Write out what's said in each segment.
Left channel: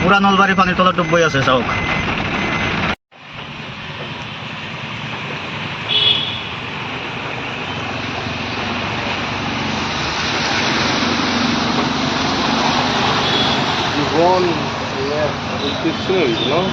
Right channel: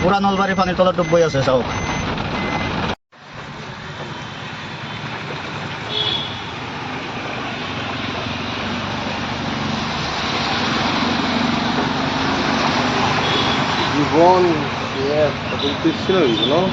পুরা নলবাড়ি পানির তলা ডুব বই আছে চাওক। Yvonne, yeah, a little too soon, you know?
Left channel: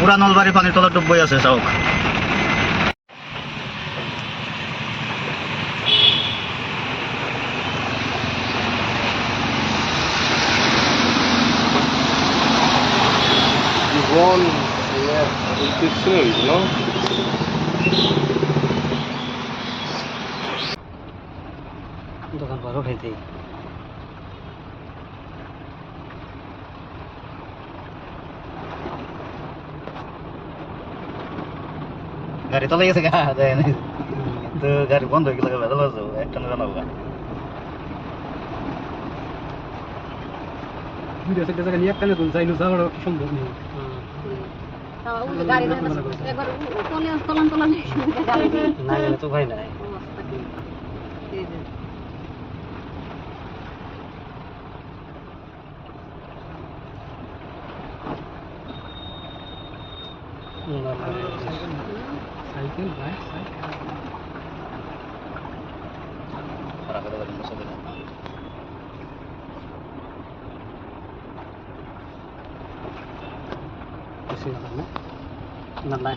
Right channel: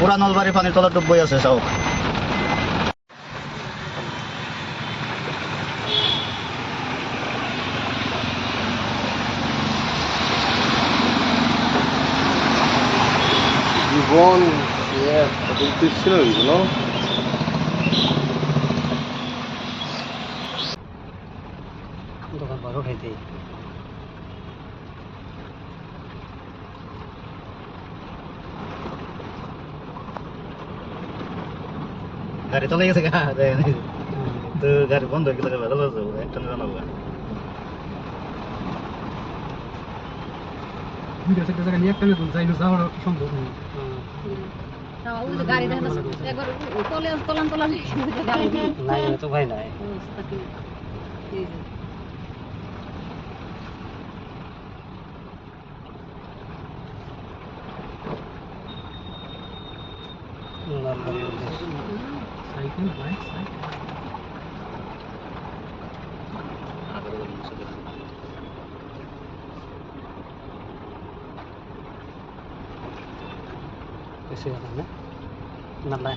পুরা নলবাড়ি পানির তলা ডুব বই আছে চাওক। Yvonne, yeah, a little too soon, you know? দোকান পর উঠাইতে গাড়ি চলে গেছে গা তো গাড়ি বন্ধ হয়ে গেলে ভেতর একটা বানাবো সম্ভব নেই। না গেলে তো ভাই নাই সাইকেল বাইক সাইকেল nalai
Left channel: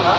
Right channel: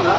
না